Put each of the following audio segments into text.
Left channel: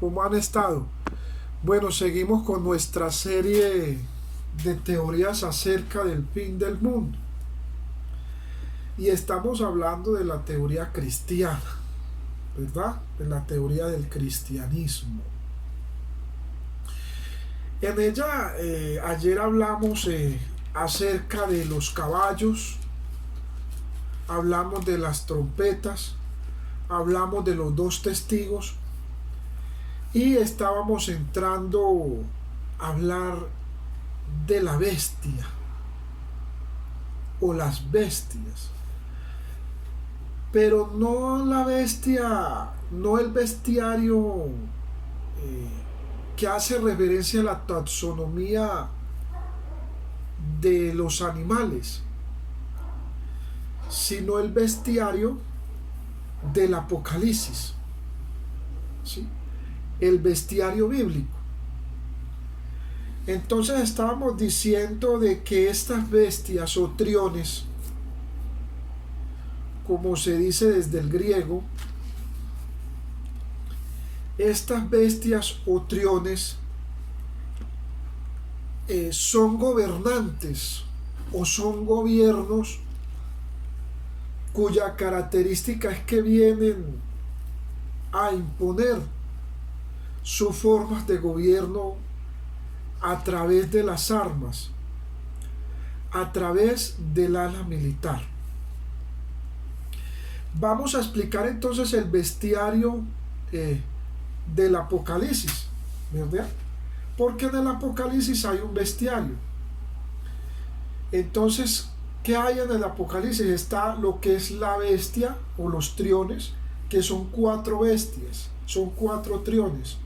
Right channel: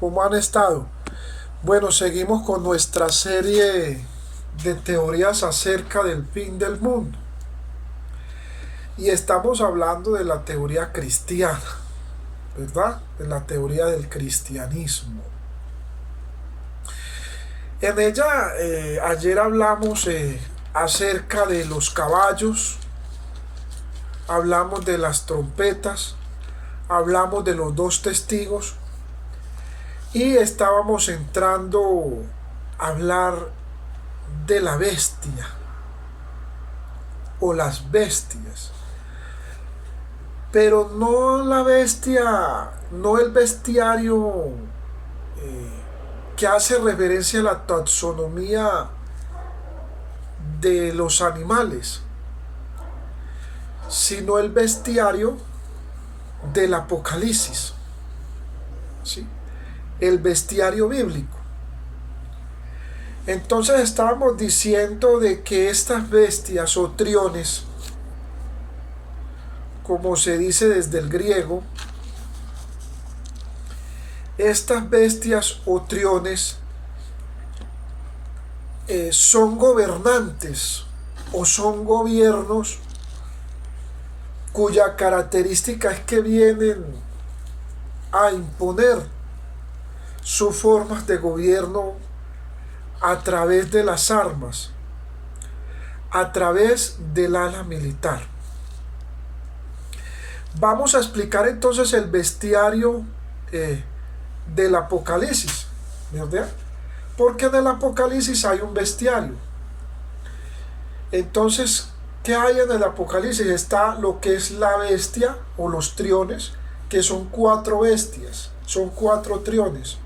¿Cómo han estado? Bueno, seguimos con nuestra serie de teorías acerca del fin del mundo. Y estamos hablando de la teoría cristiana, ¿verdad? De la teoría del cristianismo. En ella, ayer hablamos acerca de los caballos, hablamos de las trompetas, hablamos de los dos testigos y estábamos entrando a hablar de la bestia o las bestias, pero no la bestia, no el bestiario que hace referencia a la taxonomía de los animales, sino el bestiario del Apocalipsis, ¿sí? El bestiario bíblico. Entonces estábamos diciendo de que estas bestias o triones, como se dice desde el griego, estas bestias o triones son gobernantes o son gobiernos cuya característica es que vienen a imponer sus formas de gobierno a través de las armas, a través del ala militar. Vamos a explicar entonces el bestiario del Apocalipsis, ¿verdad? Porque en el Apocalipsis hay un bestiario. Entonces, ¿qué hay en el Apocalipsis? Está lo que es la bestia o los triones, que son 4 bestias, son 4 triones.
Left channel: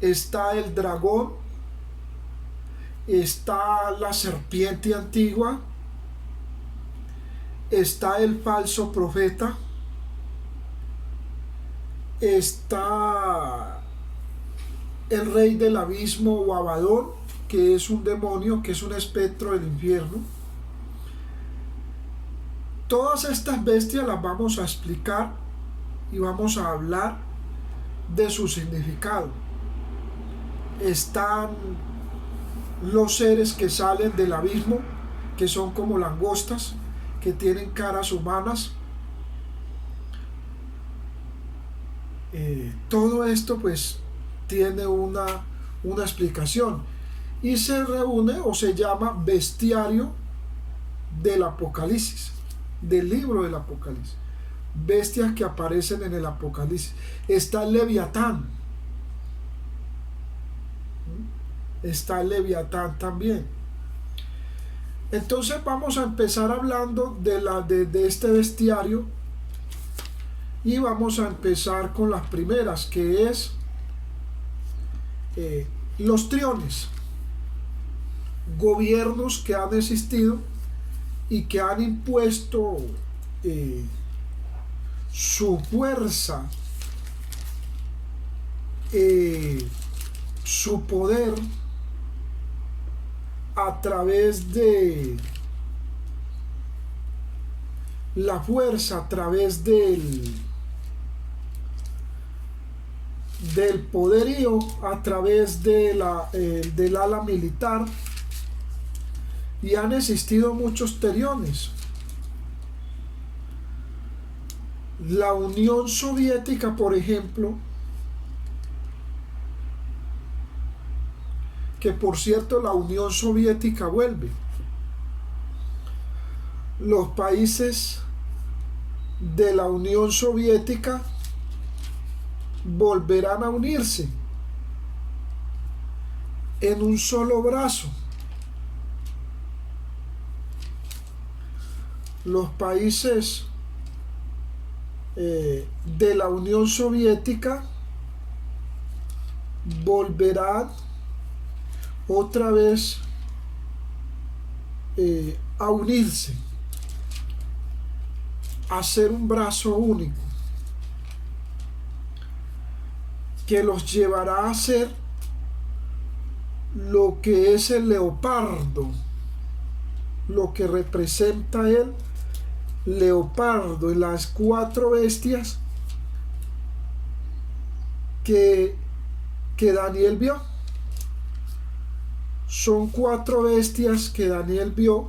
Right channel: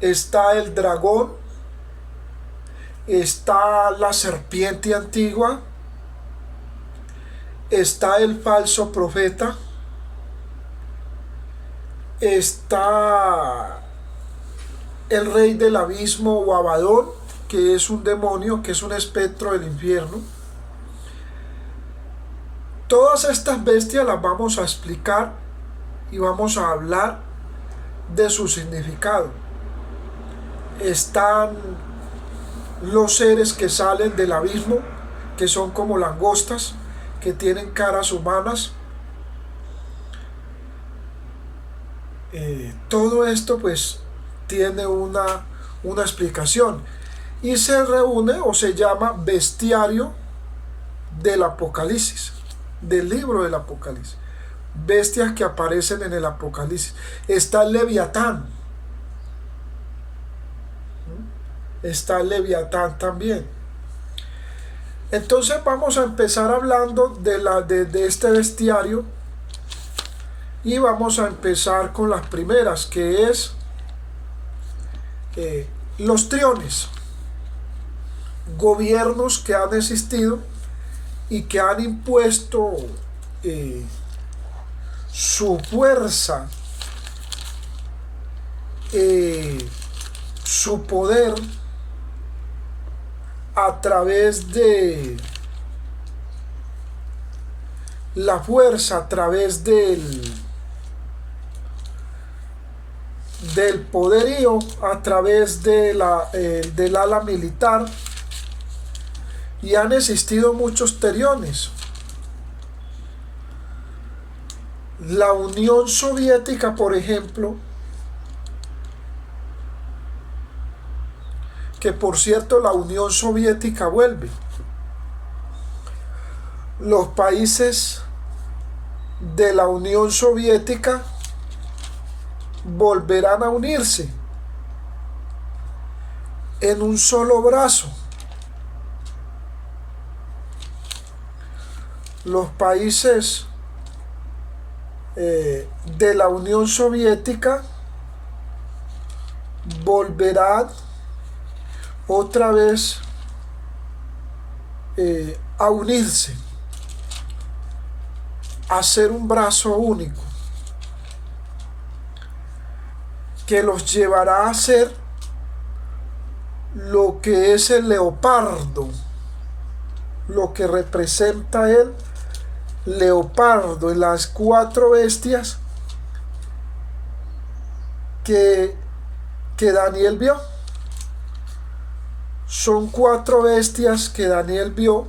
Está el dragón, está la serpiente antigua, está el falso profeta, está el rey del abismo o Abadón, que es un demonio, que es un espectro del infierno. Todas estas bestias las vamos a explicar y vamos a hablar de su significado. Están los seres que salen del abismo, que son como langostas, que tienen caras humanas. Todo esto pues tiene una explicación y se reúne o se llama bestiario del Apocalipsis, del libro del Apocalipsis. Bestias que aparecen en el Apocalipsis. Está el Leviatán. Está el Leviatán también. Entonces vamos a empezar hablando de este bestiario y vamos a empezar con las primeras, que es los triones, gobiernos que han existido y que han impuesto su fuerza, su poder a través de la fuerza, a través del poderío, a través del ala militar, y han existido muchos triones. La Unión Soviética, por ejemplo, que por cierto la Unión Soviética vuelve. Los países de la Unión Soviética volverán a unirse en un solo brazo. Los países de la Unión Soviética volverán otra vez a unirse, a ser un brazo único, que los llevará a ser lo que es el leopardo, lo que representa el leopardo en las 4 bestias que, que Daniel vio. Son 4 bestias que Daniel vio,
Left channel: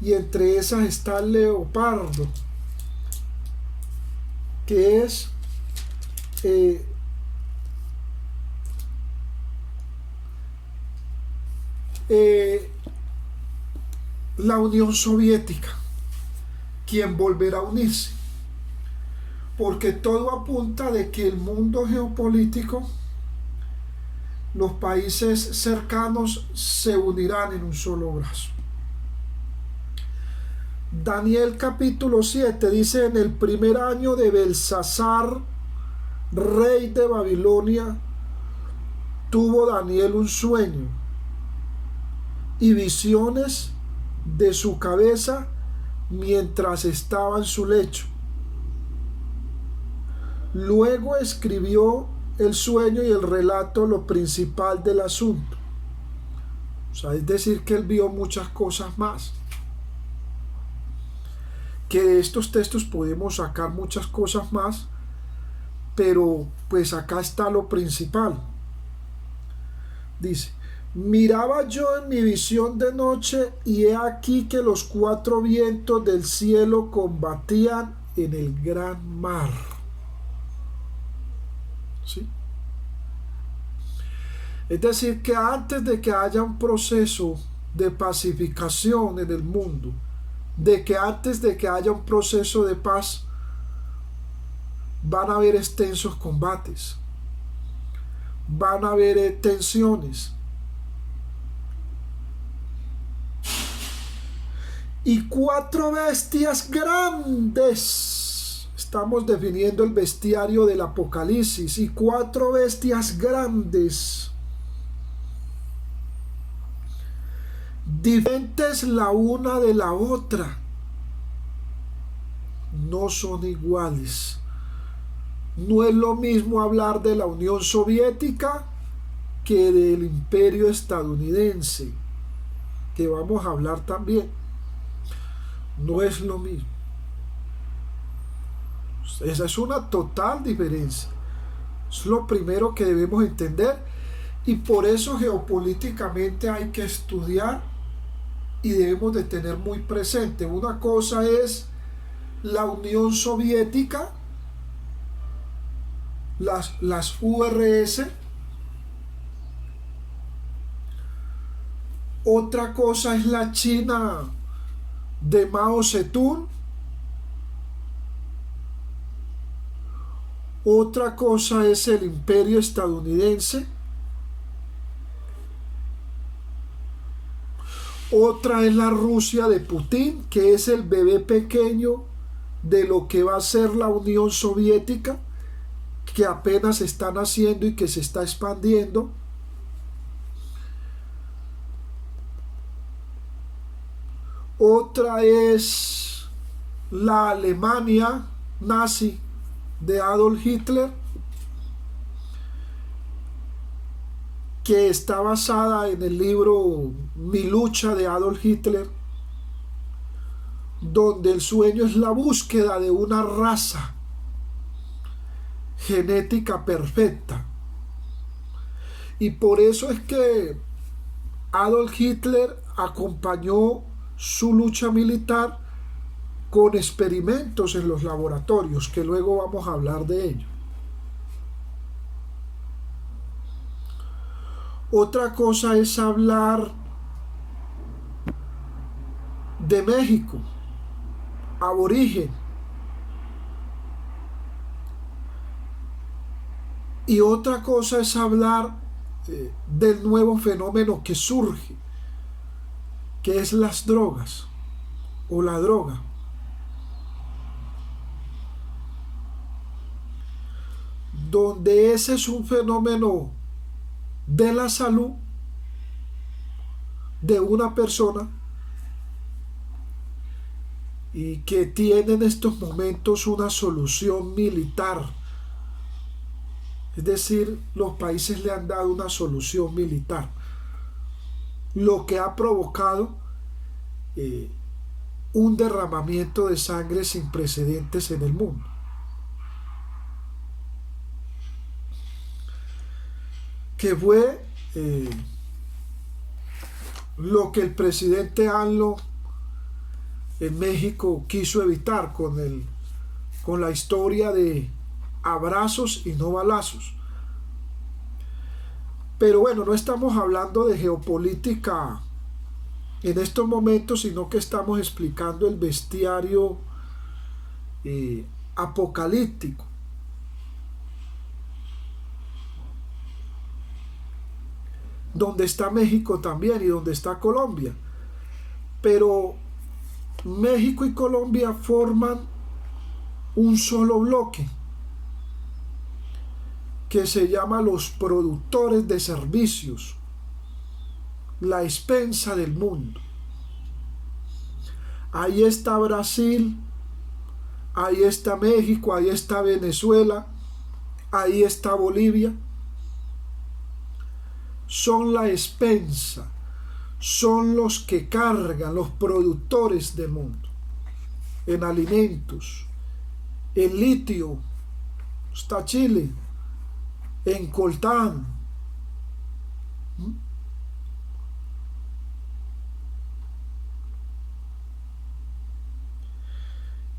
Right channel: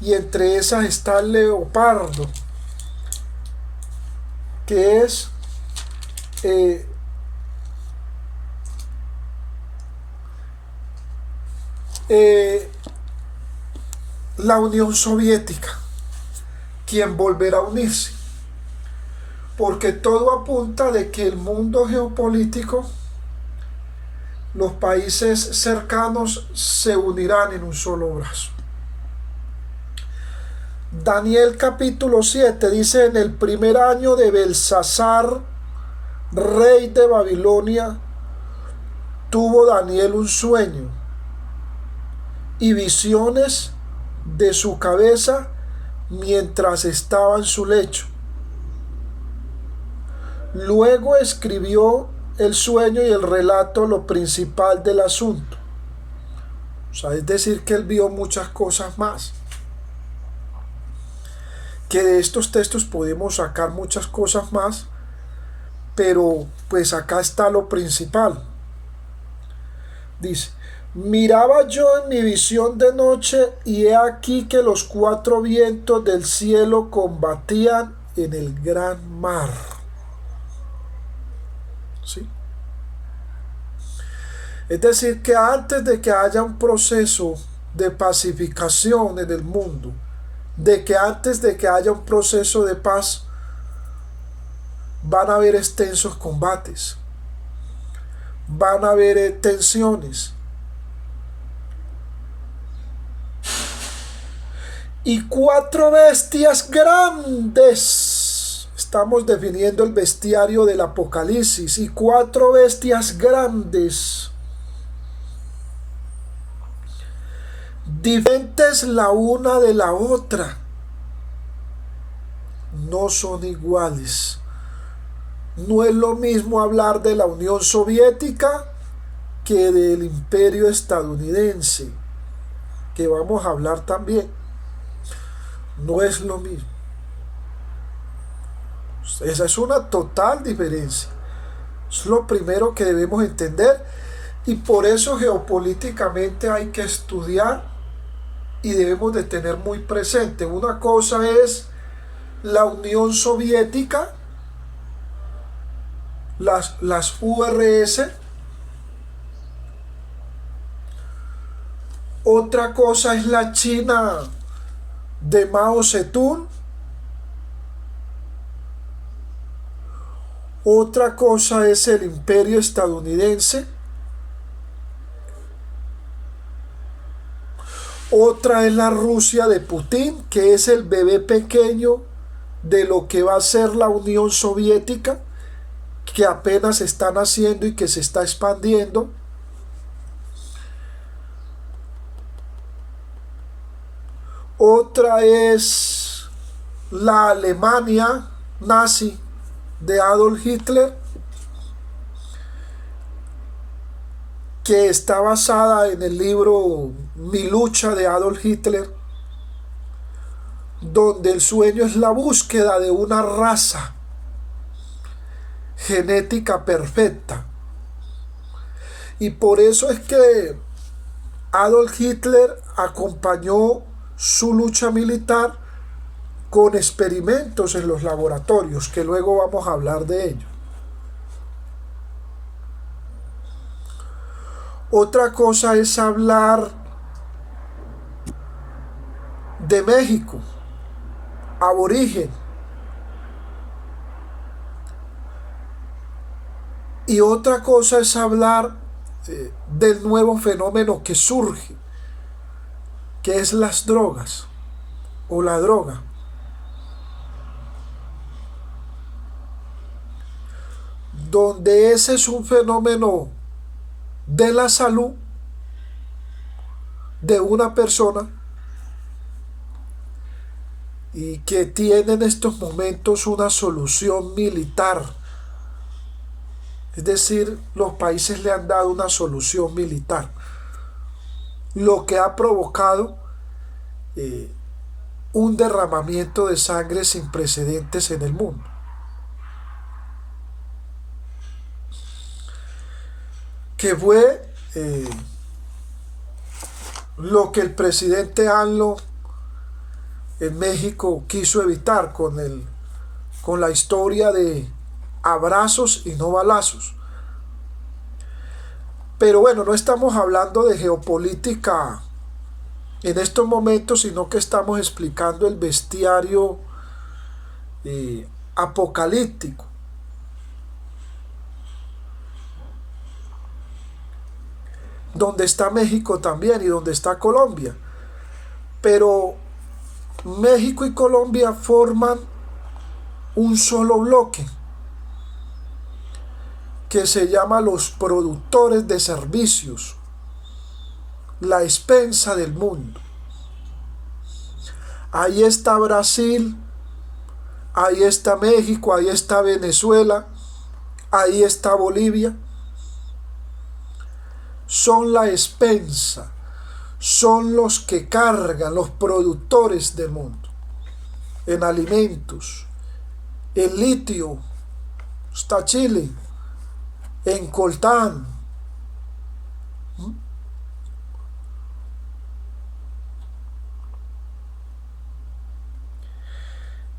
y entre esas está el leopardo, que es la Unión Soviética, quien volverá a unirse, porque todo apunta de que el mundo geopolítico, los países cercanos se unirán en un solo brazo. Daniel capítulo 7 dice: en el primer año de Belsasar, rey de Babilonia, tuvo Daniel un sueño y visiones de su cabeza mientras estaba en su lecho. Luego escribió el sueño y el relato, lo principal del asunto. O sea, es decir, que él vio muchas cosas más. Que de estos textos podemos sacar muchas cosas más, pero pues acá está lo principal. Dice: miraba yo en mi visión de noche, y he aquí que los 4 vientos del cielo combatían en el gran mar. ¿Sí? Es decir, que antes de que haya un proceso de pacificación en el mundo, de que antes de que haya un proceso de paz, van a haber extensos combates, van a haber tensiones. Y 4 bestias grandes, estamos definiendo el bestiario del Apocalipsis, y 4 bestias grandes, diferentes la una de la otra, no son iguales. No es lo mismo hablar de la Unión Soviética que del Imperio estadounidense, que vamos a hablar también. No es lo mismo. Esa es una total diferencia. Es lo primero que debemos entender, y por eso geopolíticamente hay que estudiar y debemos de tener muy presente. Una cosa es la Unión Soviética, las URS. Otra cosa es la China de Mao Zedong. Otra cosa es el Imperio estadounidense. Otra es la Rusia de Putin, que es el bebé pequeño de lo que va a ser la Unión Soviética, que apenas está naciendo y que se está expandiendo. Otra es la Alemania nazi de Adolf Hitler, que está basada en el libro Mi lucha de Adolf Hitler, donde el sueño es la búsqueda de una raza genética perfecta. Y por eso es que Adolf Hitler acompañó su lucha militar con experimentos en los laboratorios, que luego vamos a hablar de ello. Otra cosa es hablar de México, aborigen. Y otra cosa es hablar del nuevo fenómeno que surge, que es las drogas o la droga. Donde ese es un fenómeno de la salud de una persona y que tiene en estos momentos una solución militar. Es decir, los países le han dado una solución militar, lo que ha provocado un derramamiento de sangre sin precedentes en el mundo. que fue lo que el presidente AMLO en México quiso evitar con la historia de abrazos y no balazos. Pero bueno, no estamos hablando de geopolítica en estos momentos, sino que estamos explicando el bestiario apocalíptico. Donde está México también y donde está Colombia. Pero México y Colombia forman un solo bloque que se llama los productores de servicios, la expensa del mundo. Ahí está Brasil, ahí está México, ahí está Venezuela, ahí está Bolivia. Son la expensa, son los que cargan, los productores del mundo, en alimentos, en litio, está Chile, en coltán.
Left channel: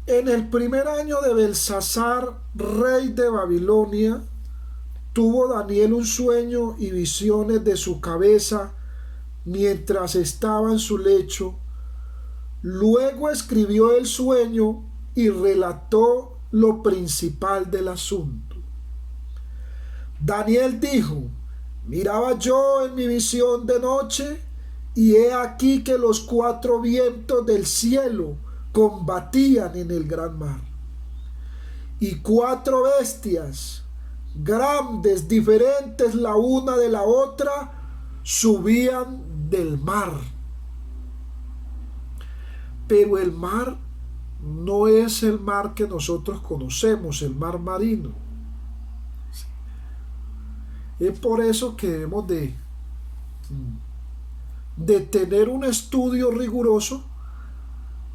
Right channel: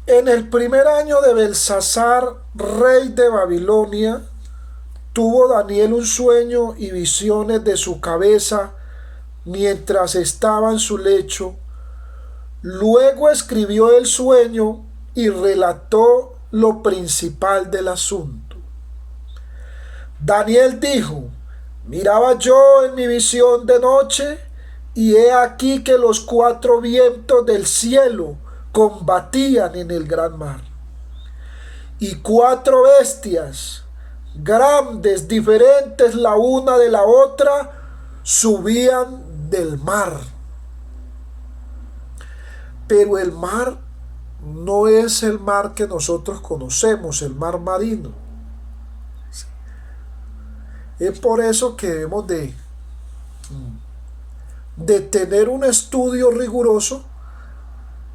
En el primer año de Belsasar, rey de Babilonia, tuvo Daniel un sueño y visiones de su cabeza mientras estaba en su lecho. Luego escribió el sueño y relató lo principal del asunto. Daniel dijo: miraba yo en mi visión de noche, y he aquí que los 4 vientos del cielo combatían en el gran mar, y 4 bestias grandes, diferentes la una de la otra, subían del mar. Pero el mar no es el mar que nosotros conocemos, el mar marino. Es por eso que debemos de tener un estudio riguroso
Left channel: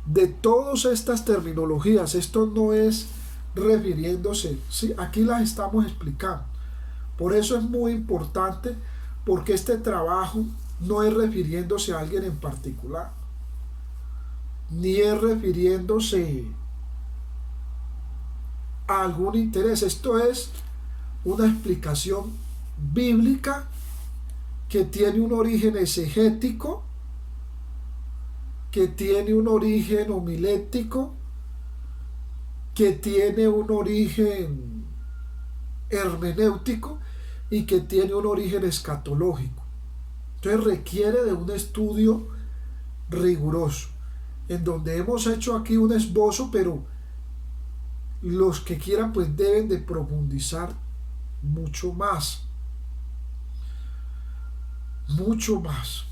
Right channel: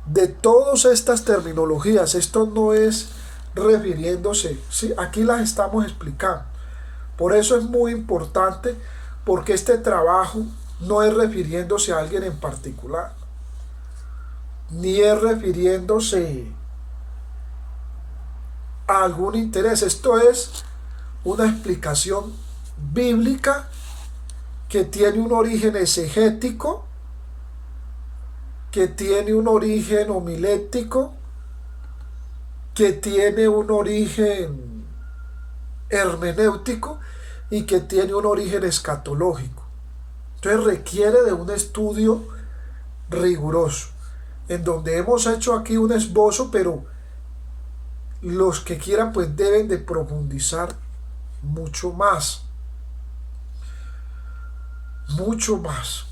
de todas estas terminologías. Esto no es refiriéndose, ¿sí? Aquí las estamos explicando. Por eso es muy importante, porque este trabajo no es refiriéndose a alguien en particular, ni es refiriéndose a algún interés. Esto es una explicación bíblica que tiene un origen exegético, que tiene un origen homilético, que tiene un origen hermenéutico y que tiene un origen escatológico. Entonces requiere de un estudio riguroso, en donde hemos hecho aquí un esbozo, pero los que quieran pues deben de profundizar mucho más. Mucho más.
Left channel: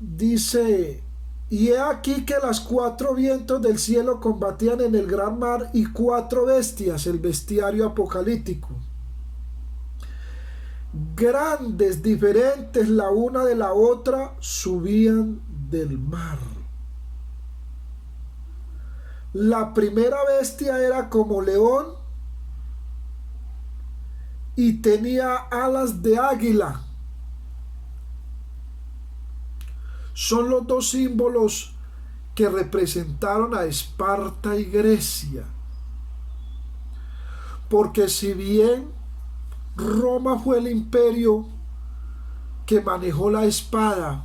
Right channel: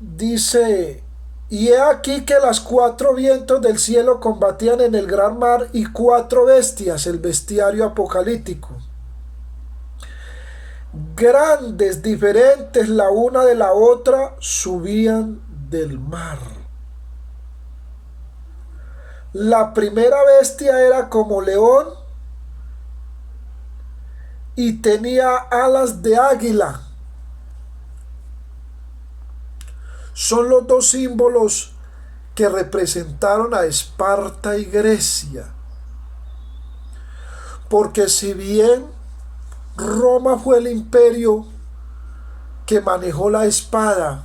Dice: y he aquí que las 4 vientos del cielo combatían en el gran mar, y 4 bestias, el bestiario apocalíptico, grandes, diferentes la una de la otra, subían del mar. La primera bestia era como león y tenía alas de águila. Son los 2 símbolos que representaron a Esparta y Grecia. Porque si bien Roma fue el imperio que manejó la espada,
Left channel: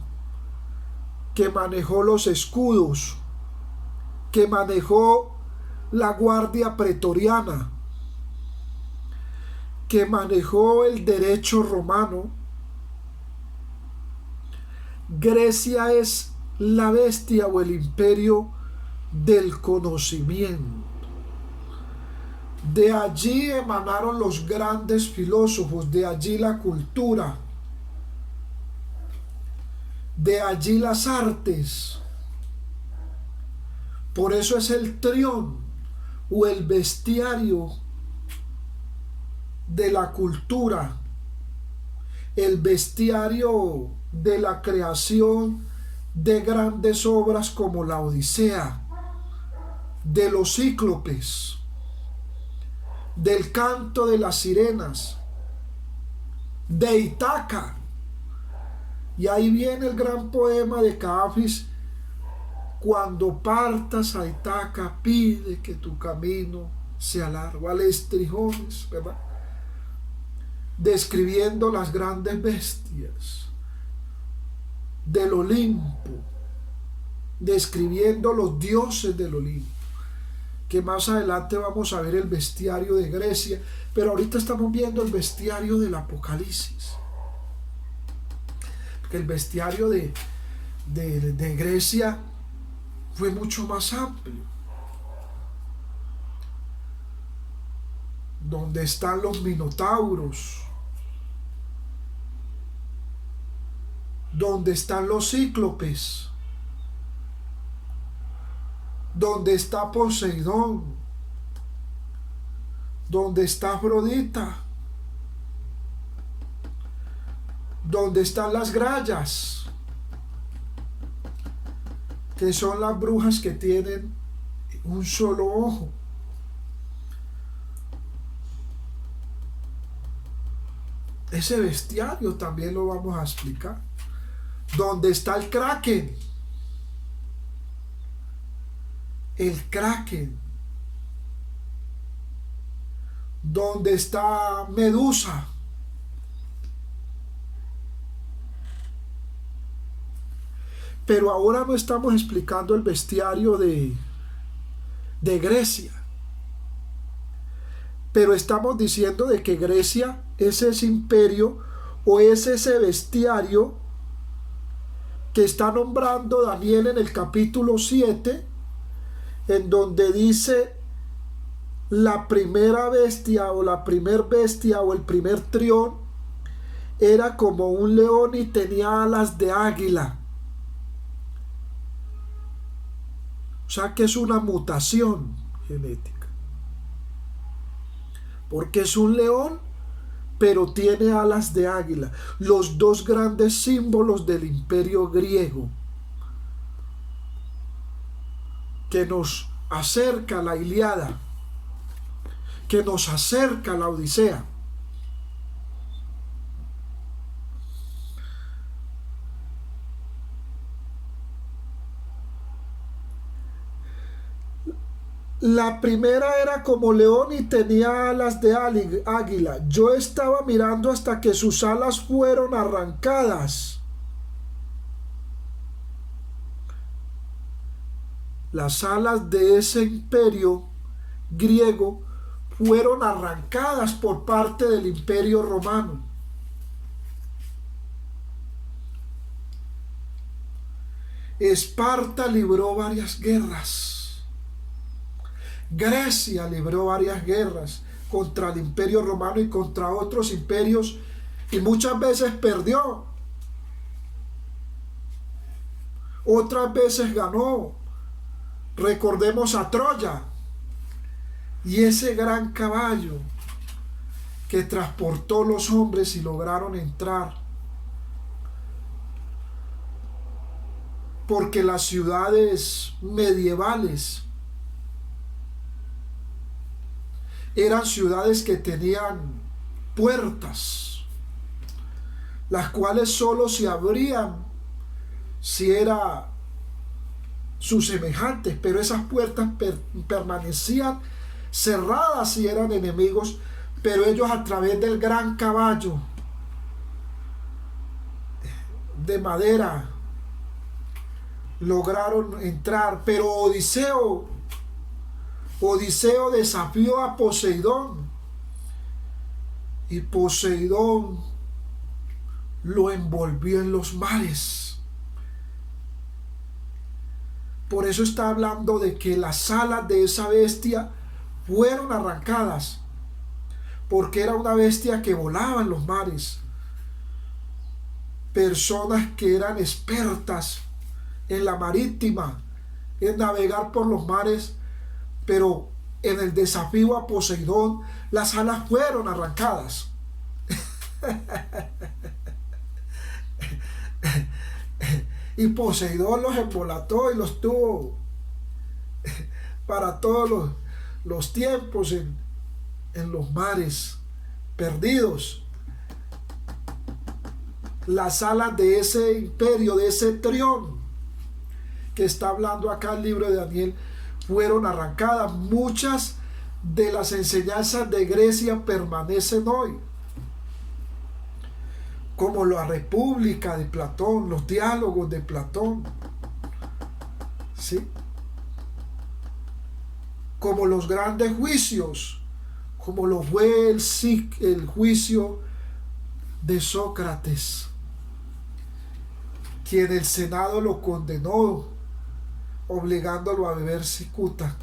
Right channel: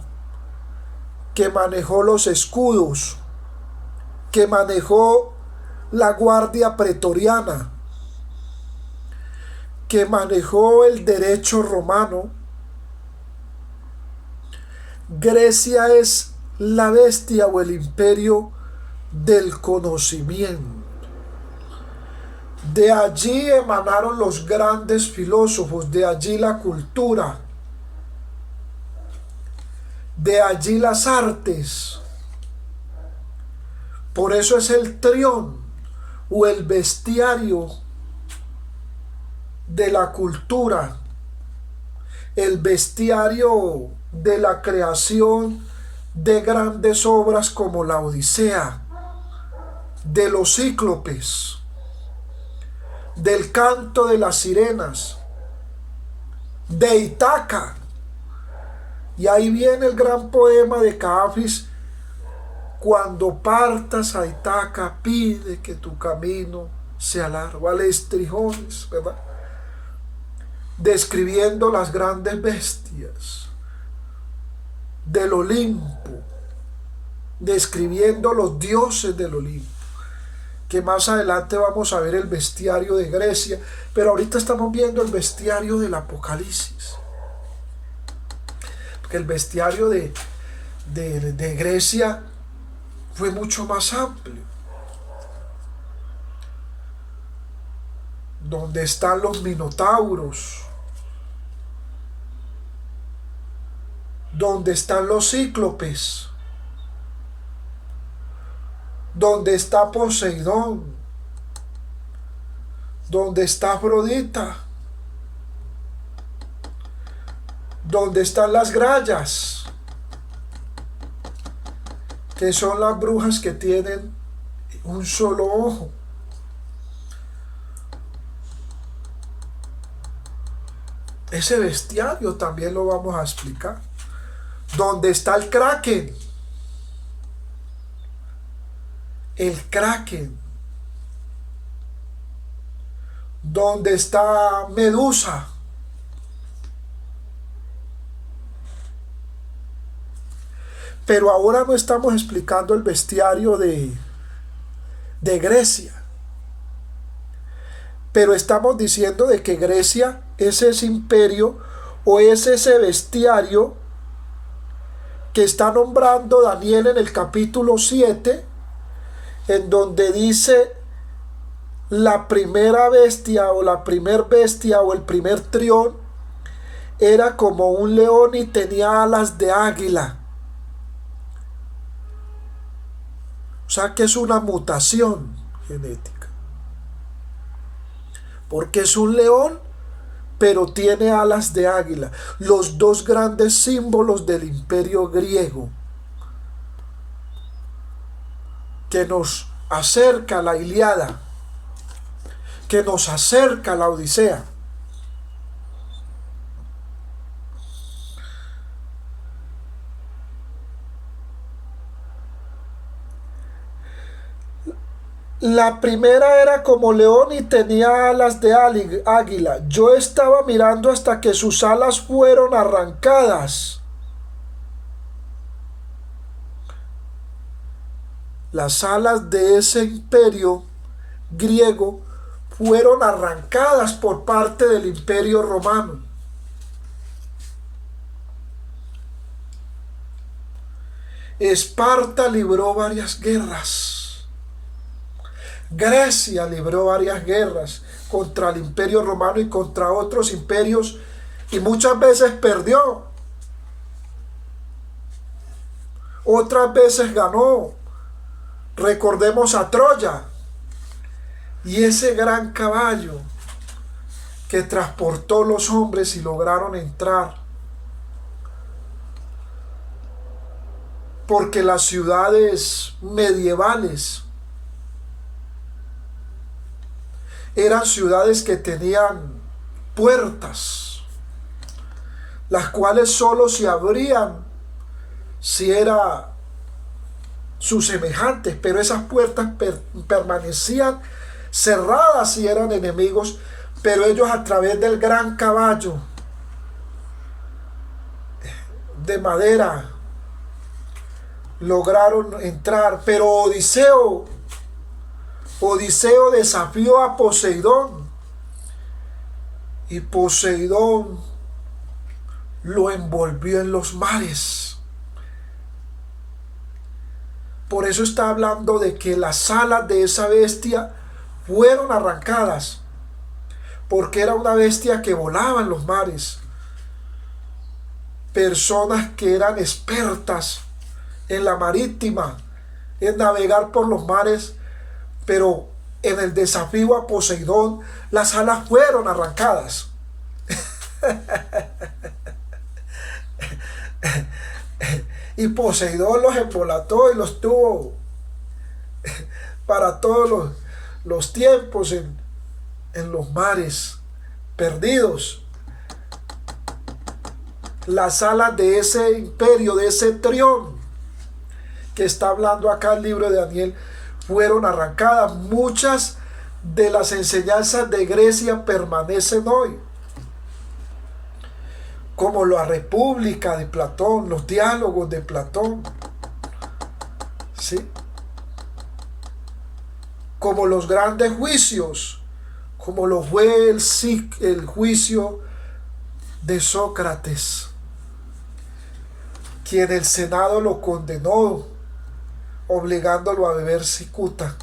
que manejó los escudos, que manejó la guardia pretoriana, que manejó el derecho romano, Grecia es la bestia o el imperio del conocimiento. De allí emanaron los grandes filósofos, de allí la cultura, de allí las artes. Por eso es el trión o el bestiario de la cultura, el bestiario de la creación de grandes obras como la Odisea, de los cíclopes, del canto de las sirenas, de Ítaca. Y ahí viene el gran poema de Cafis: cuando partas a Ítaca, pide que tu camino sea largo. Al estrijones, ¿verdad? Describiendo las grandes bestias del Olimpo, describiendo los dioses del Olimpo, que más adelante vamos a ver el bestiario de Grecia, pero ahorita estamos viendo el bestiario del Apocalipsis, porque el bestiario de Grecia fue mucho más amplio, donde están los minotauros, donde están los cíclopes, donde está Poseidón, donde está Afrodita, donde están las grallas, que son las brujas que tienen un solo ojo. Ese bestiario también lo vamos a explicar. Donde está el Kraken. El Kraken. Donde está Medusa. Pero ahora no estamos explicando el bestiario de Grecia. Pero estamos diciendo de que Grecia es ese imperio o es ese bestiario que está nombrando Daniel en el capítulo 7, en donde dice la primera bestia o la primer bestia o el primer trión era como un león y tenía alas de águila. O sea que es una mutación genética, porque es un león pero tiene alas de águila, los dos grandes símbolos del imperio griego, que nos acerca a la Ilíada, que nos acerca a la Odisea. La primera era como león y tenía alas de águila. Yo estaba mirando hasta que sus alas fueron arrancadas. Las alas de ese imperio griego fueron arrancadas por parte del imperio romano. Esparta libró varias guerras. Grecia libró varias guerras contra el imperio romano y contra otros imperios, y muchas veces perdió, otras veces ganó. Recordemos a Troya y ese gran caballo que transportó los hombres y lograron entrar, porque las ciudades medievales eran ciudades que tenían puertas, las cuales solo se abrían si era sus semejantes, pero esas puertas permanecían cerradas si eran enemigos, pero ellos a través del gran caballo de madera lograron entrar. Pero Odiseo desafió a Poseidón y Poseidón lo envolvió en los mares. Por eso está hablando de que las alas de esa bestia fueron arrancadas, porque era una bestia que volaba en los mares. Personas que eran expertas en la marítima, en navegar por los mares, pero en el desafío a Poseidón las alas fueron arrancadas. Y Poseidón los embolató y los tuvo para todos los tiempos en los mares, perdidos. Las alas de ese imperio, de ese trión que está hablando acá el libro de Daniel, fueron arrancadas. Muchas de las enseñanzas de Grecia permanecen hoy, como la República de Platón, los diálogos de Platón, ¿sí? Como los grandes juicios, como lo fue el juicio de Sócrates, quien el Senado lo condenó, obligándolo a beber cicuta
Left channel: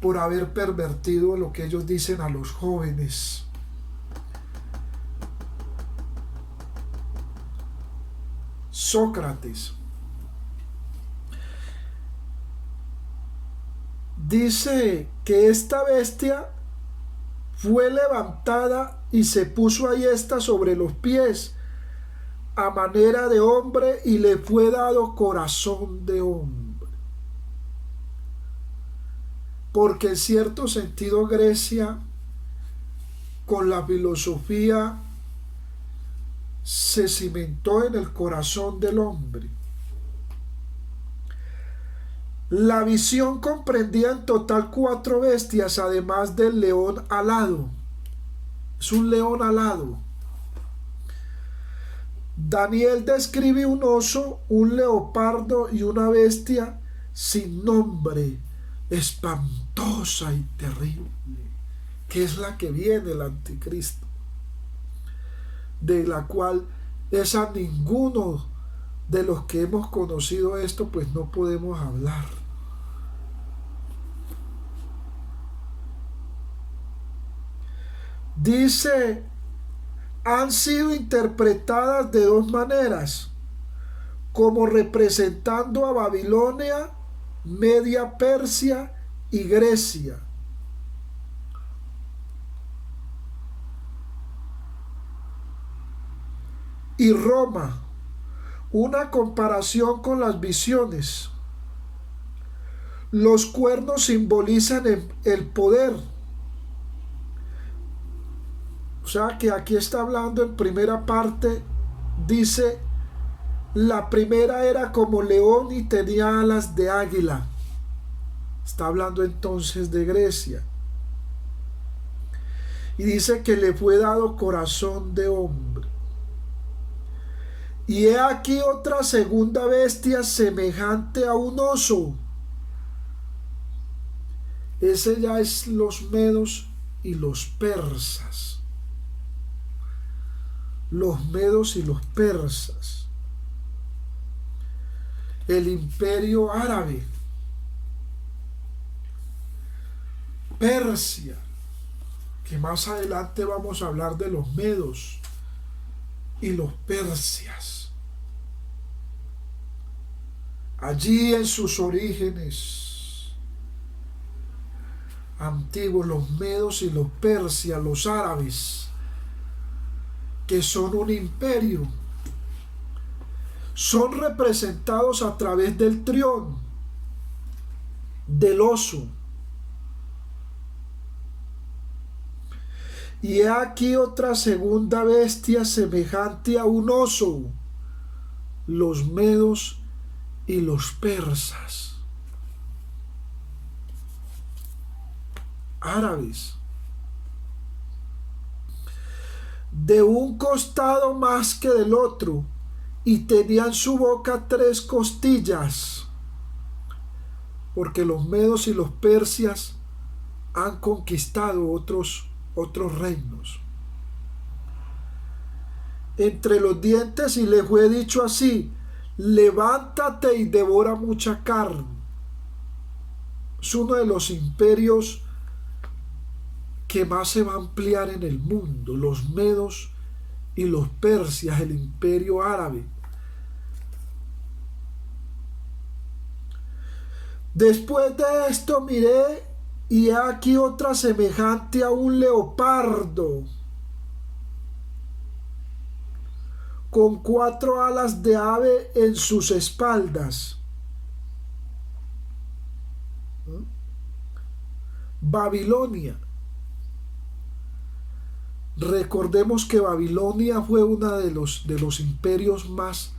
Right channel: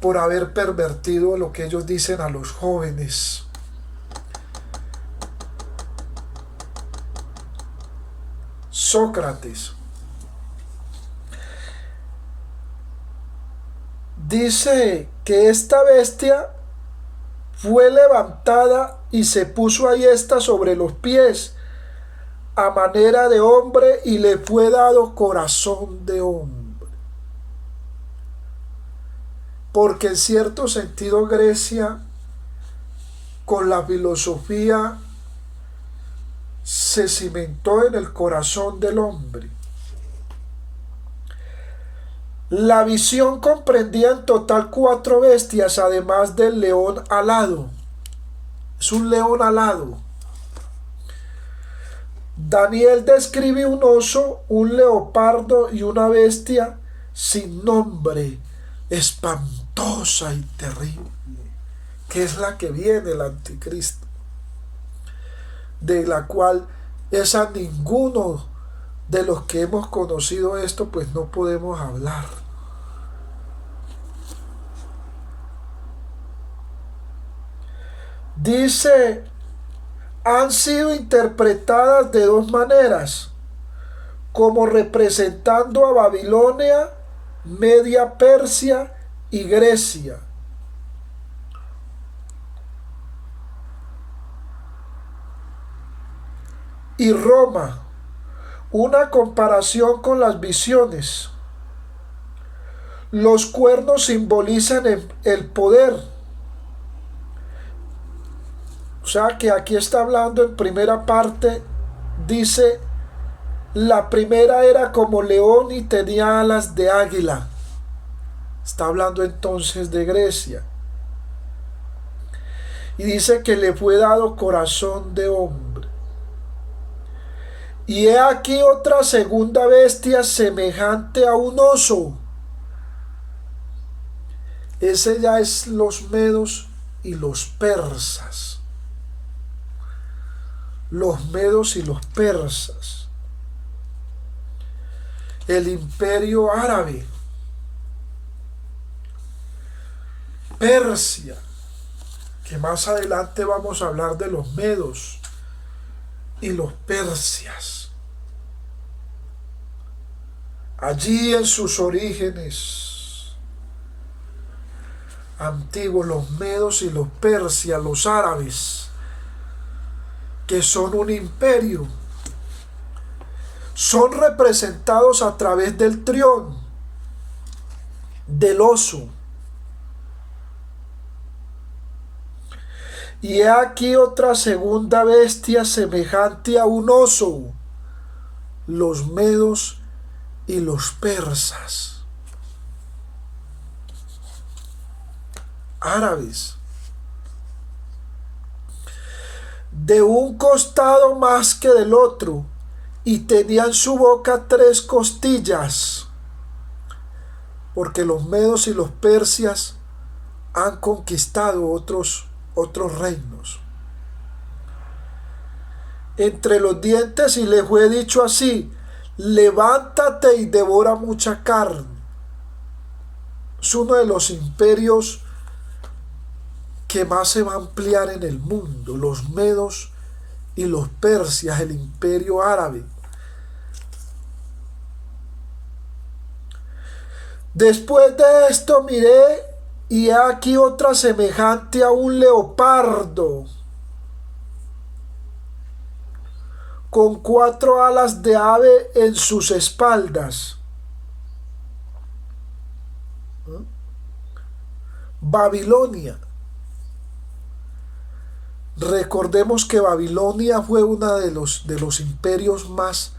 por haber pervertido lo que ellos dicen a los jóvenes. Sócrates dice que esta bestia fue levantada y se puso ahí esta sobre los pies a manera de hombre y le fue dado corazón de hombre. Porque en cierto sentido Grecia con la filosofía se cimentó en el corazón del hombre. La visión comprendía en total 4 bestias, además del león alado. Es un león alado. Daniel describe un oso, un leopardo y una bestia sin nombre, espantosa y terrible, que es la que viene, el anticristo, de la cual es a ninguno de los que hemos conocido esto, pues no podemos hablar. Dice, han sido interpretadas de 2 maneras, como representando a Babilonia, Media Persia y Grecia. Y Roma, una comparación con las visiones. Los cuernos simbolizan el poder. O sea que aquí está hablando en primera parte, dice, la primera era como león y tenía alas de águila. Está hablando entonces de Grecia. Y dice que le fue dado corazón de hombre. Y he aquí otra segunda bestia semejante a un oso. Ese ya es los medos y los persas. Los medos y los persas. El imperio árabe. Persia. Que más adelante vamos a hablar de los medos y los persias. Allí en sus orígenes antiguos, los medos y los persias, los árabes, que son un imperio, son representados a través del trión, del oso. Y he aquí otra segunda bestia semejante a un oso, los medos y los persas. Árabes. De un costado más que del otro, y tenía en su boca 3 costillas, porque los medos y los persias han conquistado otros reinos. Entre los dientes, y le fue dicho así: levántate y devora mucha carne. Es uno de los imperios que más se va a ampliar en el mundo, los medos y los persias, el imperio árabe. Después de esto miré, y aquí otra semejante a un leopardo, con 4 alas de ave en sus espaldas. Babilonia. Recordemos que Babilonia fue uno de los imperios más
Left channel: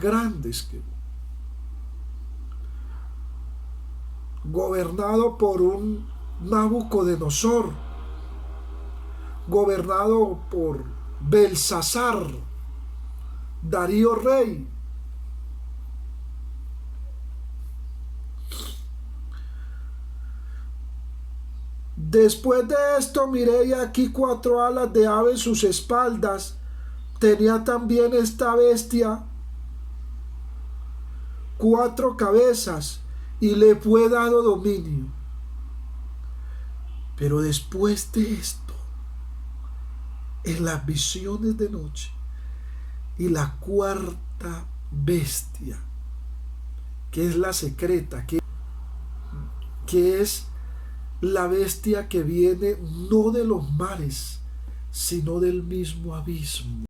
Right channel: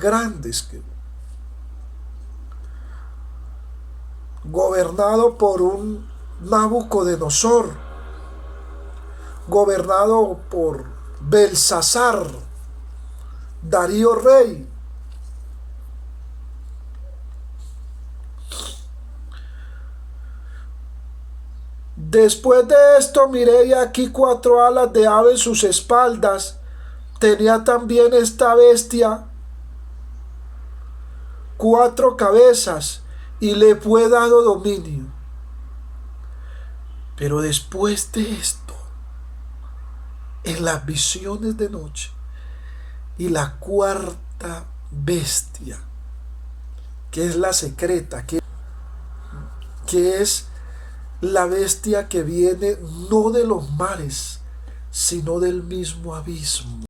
grandes, gobernado por un Nabucodonosor, gobernado por Belsasar, Darío rey. Después de esto miré y aquí 4 alas de ave en sus espaldas. Tenía también esta bestia 4 cabezas y le fue dado dominio. Pero después de esto, en las visiones de noche, y la 4ta bestia, que es la secreta, que es la bestia que viene no de los mares, sino del mismo abismo.